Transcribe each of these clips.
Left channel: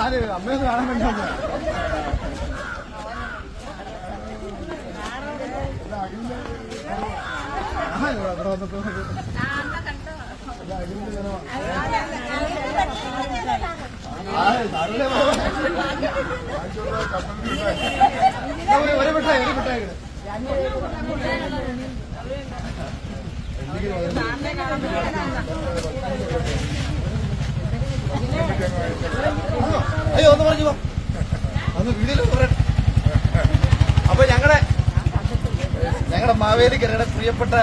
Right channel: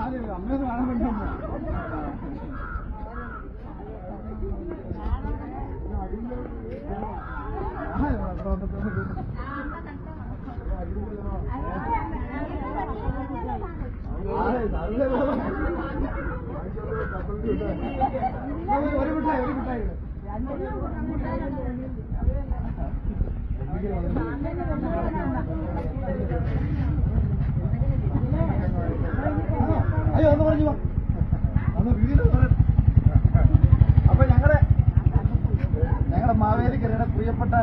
ആര് അമ്മയൊന്നും കാണാൻ വേണ്ടി വന്നതാ. ആ, ഇവിടെ അത്ര വന്നപ്പോ ആ, നല്ല പോവാ. ഒരു മിഠായി, ഒരു മിഠായി ഇട്. അയ്യോ ഒന്ന് പറഞ്ഞു അന്ന് വീഡിയോയിൽ പറയട്ടെ അപ്പൊ ഞങ്ങളുടെ ഞങ്ങളുടെ മാവേലിക്കരയുടെ പ്രിയപ്പെട്ട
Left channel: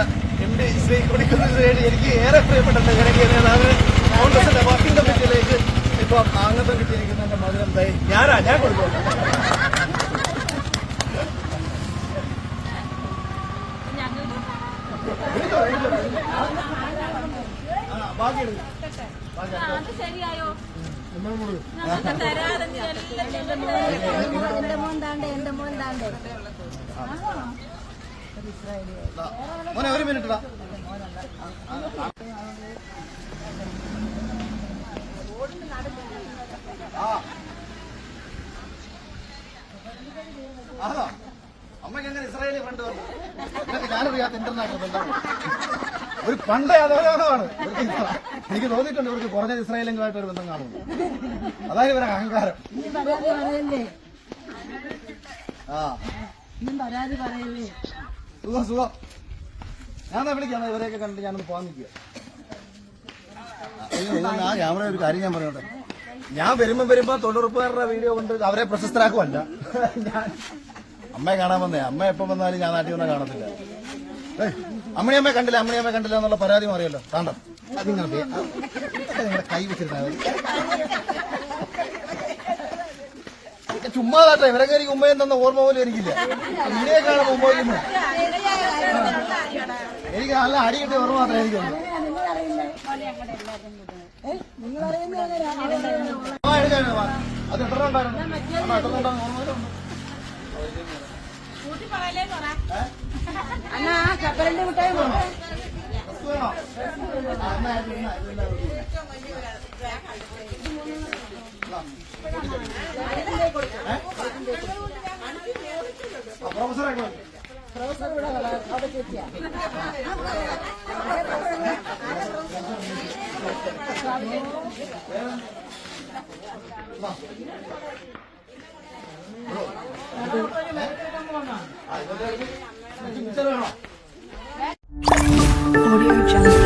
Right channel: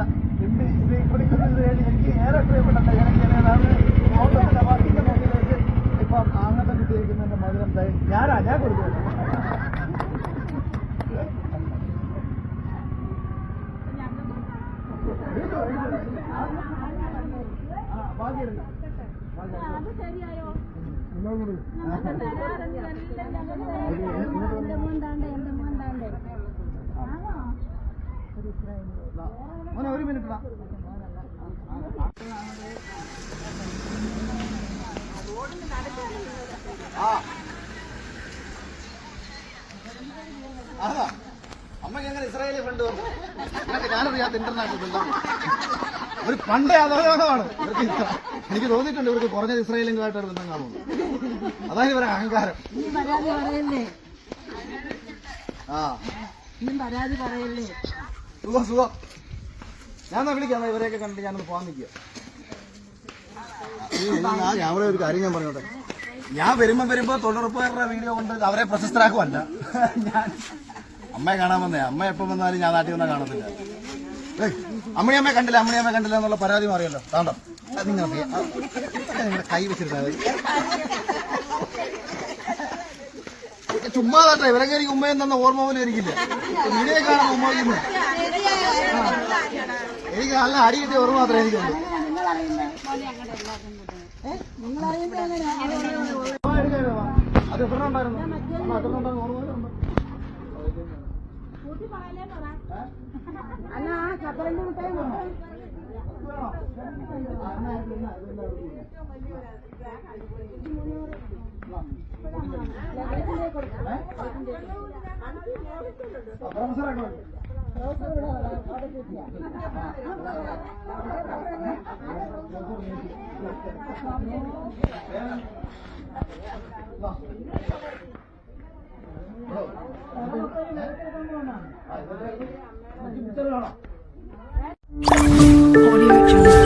എം ഡി ശ്രീ കൊടിക്കുന്നത് വേണ്ടി എനിക്ക് ഏറെ പ്രിയപ്പെട്ട തെരഞ്ഞെടുക്കുന്നത് കോൺഗ്രസിന്റെ പാർട്ടിയുടെ മുന്നിലേക്ക് ഇപ്പൊ ആംഗത്വം കിട്ടിയിരിക്കുന്ന മധുരം തൈ ഞാനാ ഞാൻ കൊടുക്കും ബാക്കി അത് ശരിയായോ? മോനെ ഒരു മിനിറ്റ് വാ അമ്മയ്ക്ക് എങ്ങനെ ഇസ്രായേലി ഫ്രണ്ട് ഞാനറിയാത്ത ഇന്റർനാഷണൽ ഒരു പണ്ടേ അതാണ് എനിക്ക് തോന്നിയിട്ടുണ്ട് ഇവർക്ക് കുറഞ്ഞ ഇസ്രായേലുമായിട്ടൊരു ബന്ധം കാണുന്നു അതാണ് ഇവരുടെ അഹങ്കാരം. ആ. നീ പരാതി പറയല്ലേ? സുഖം സുഖം. ഞാൻ വിളിക്കാം. ഇവരെയൊക്കെ കണ്ടിട്ട് ഞാനൊന്ന് പോകാൻ നിൽക്കുക. ഞാൻ ഒരു കാര്യം ഞാൻ പറഞ്ഞോട്ടെ. ഞാൻ വരുമ്പോ വരുമ്പോ തൊഴിലുറപ്പുകാരുടെ വീഡിയോ കൊണ്ട് അവരെ പ്രശസ്തരാക്കുമല്ല ഞാൻ അമ്മയെ കാണാൻ വന്നേ. അമ്മ എപ്പം വന്നാലും ഞാൻ നാട്ടിൽ വന്നാൽ കാണത്തില്ല. അമ്മണിയമ്മയെ കണ്ടില്ല അമ്മണിയമ്മയെ കണ്ടില്ല എന്നുള്ള പരാതി മാറിയല്ലോ. കാണോ അതിങ്ങനെ നിങ്ങളുടെ കൈ വെച്ചിട്ടുണ്ടാവും ചുമ്മാ കാട്ടെ ഇവരെ കയറി ഉമ്മയും തന്ന ഓർമ്മ പോലും എനിക്കില്ല. ഇതേ കാണാൻ ഉമ്മ എനിക്ക് നല്ല അടി കിട്ടിയ ഓർമ്മ മാത്രമേ എനിക്കുള്ളൂ. അത് എത്ര ഉണ്ടായിരുന്നു എത്ര ഉണ്ടായിരുന്നു ഓർമ്മ അല്ല ആ കപ്പലിന്റെ മിഠായി വേണോ? പ്രൊഫസറെ. പ്രൊഫസർ ഇവിടെ അവിടെ ആ, ഇതൊക്കെ Audio Jungle.